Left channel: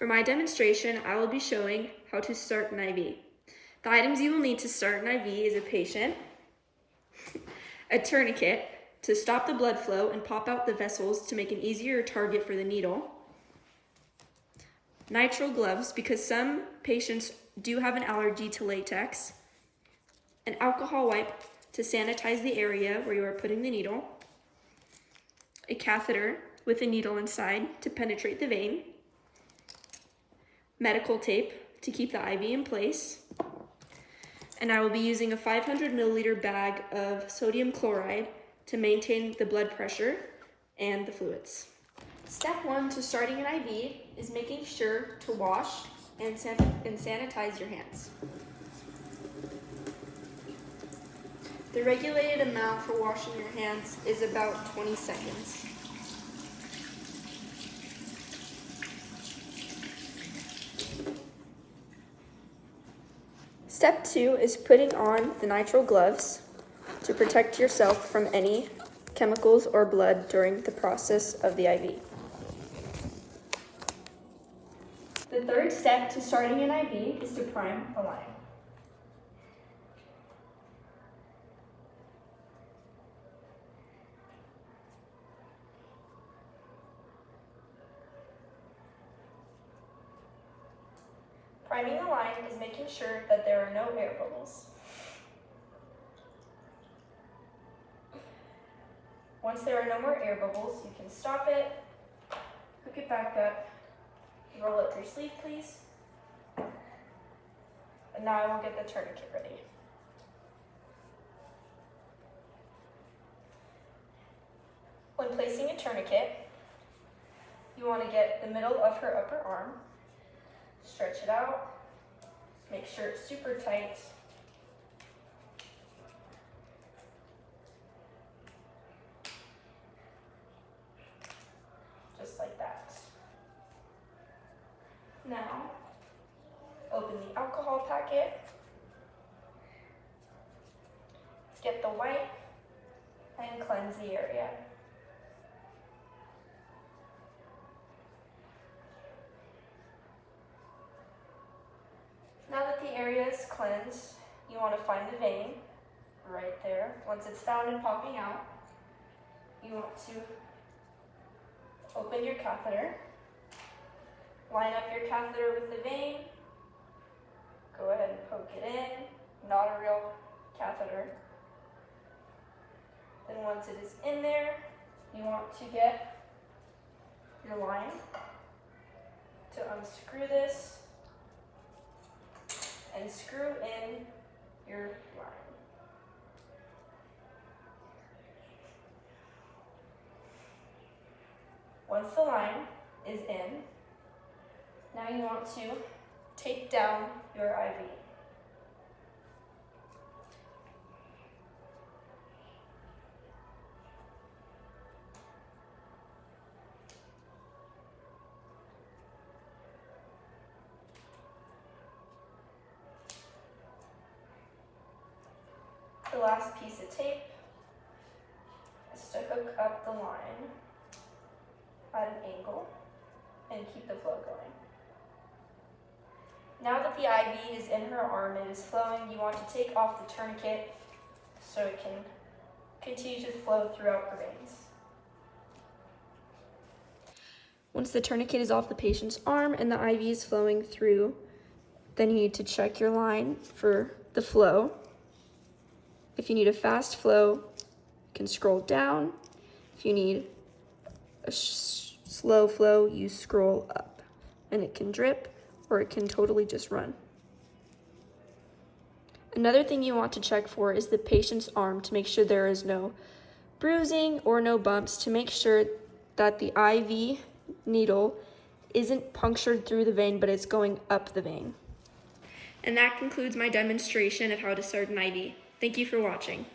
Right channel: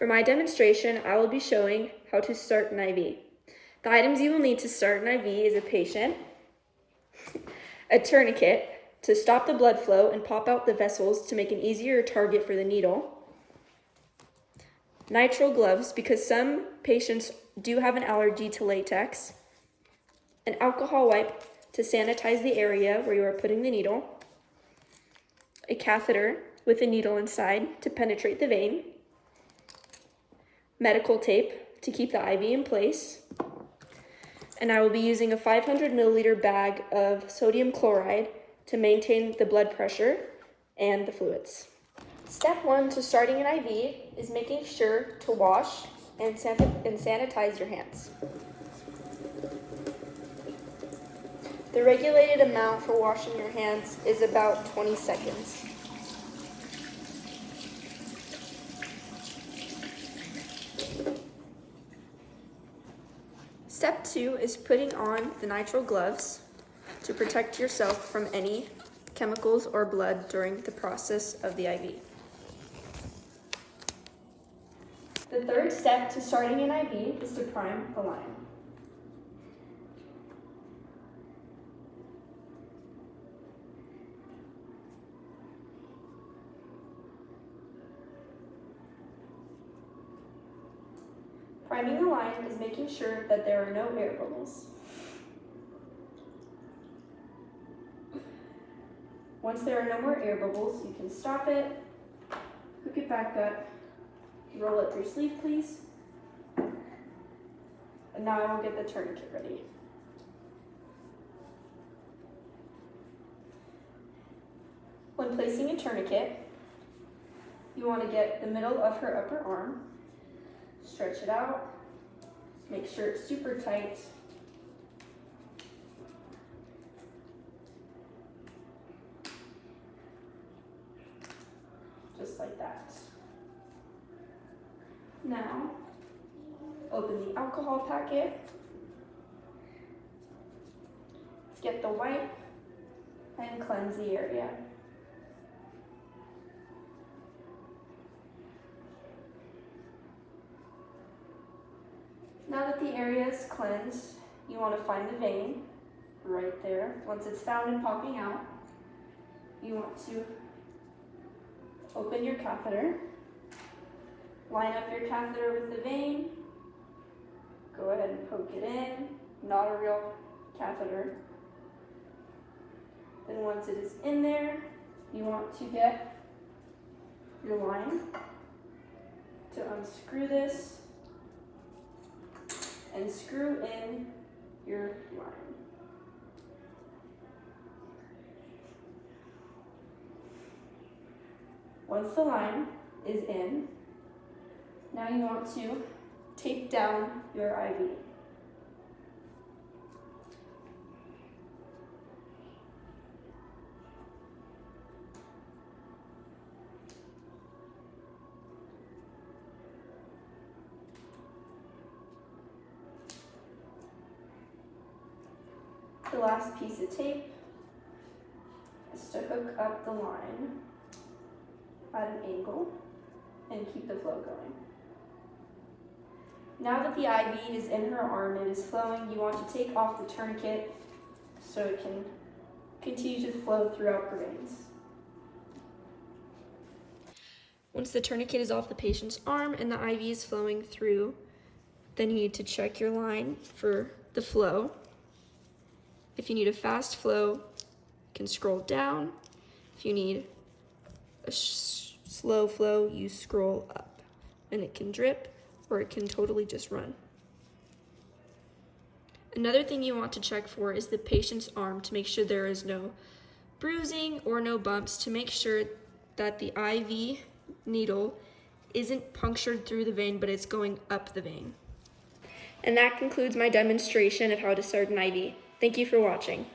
For my demonstration, I will be showing how to start an IV. The items you will need to start an IV is a patient, a tourniquet to stop the blood flow and pop out the vessels to make an easier target for the needle, nitrile gloves because some patients do have an allergy to latex, an alcohol wipe to sanitize the area where you are putting the needle, a catheter with a needle inside to penetrate the vein, medical tape to keep the IV in place, and I will be using a 500 milliliter bag of sodium chloride to maintain the blood pressure and the fluids. Step 1 to starting an IV is making sure to wash and sanitize your hands. The regulated amount for washing your hands is about 20 seconds. Step 2 is putting on the nitrile gloves to protect yourself from any chemicals or blood during the process of the IV. The third step to starting an IV is to prime the line. Priming the line is making sure that there are no air bubbles. Once there are no more air bubbles, you can stop it, hook it back up, roll up your sleeve, please. And now I will get the tourniquet ready. When placing a tourniquet, you want to get the middle of her upper arm, stretch it out, make sure it's super tight. Just like that. Now, open the alcohol packet, get the wipe, and cleanse the area. Now that the area is cleansed, you want to find the vein right there. Once it's found and popping out, you want to open your catheter, line up your catheter with the vein, go ahead and poke it in, not a real catheter. Then once it is in there, you want to get your line to unscrew this and screw in your line. Once the line is in, now you want to tape down your IV. The last piece of tape is to hook up the line at an angle and keep the flow going. Now that the IV is in her arm and is flowing, you want to take off the tourniquet so it can continue to flow throughout her veins. Once the tourniquet is off the patient's arm and the IV is flowing through, then you need to check your line for the flow. If you need a fast flow, you can scroll down. If you need a slow flow, you scroll up. And it can drip or it can totally just run. Another thing you want to check for is the patient's arm to make sure there is no bruising or no bumps, to make sure that the IV needle isn't punctured through the vein, but it's going up the vein. And that concludes my demonstration of how to start an IV. Thank you for watching.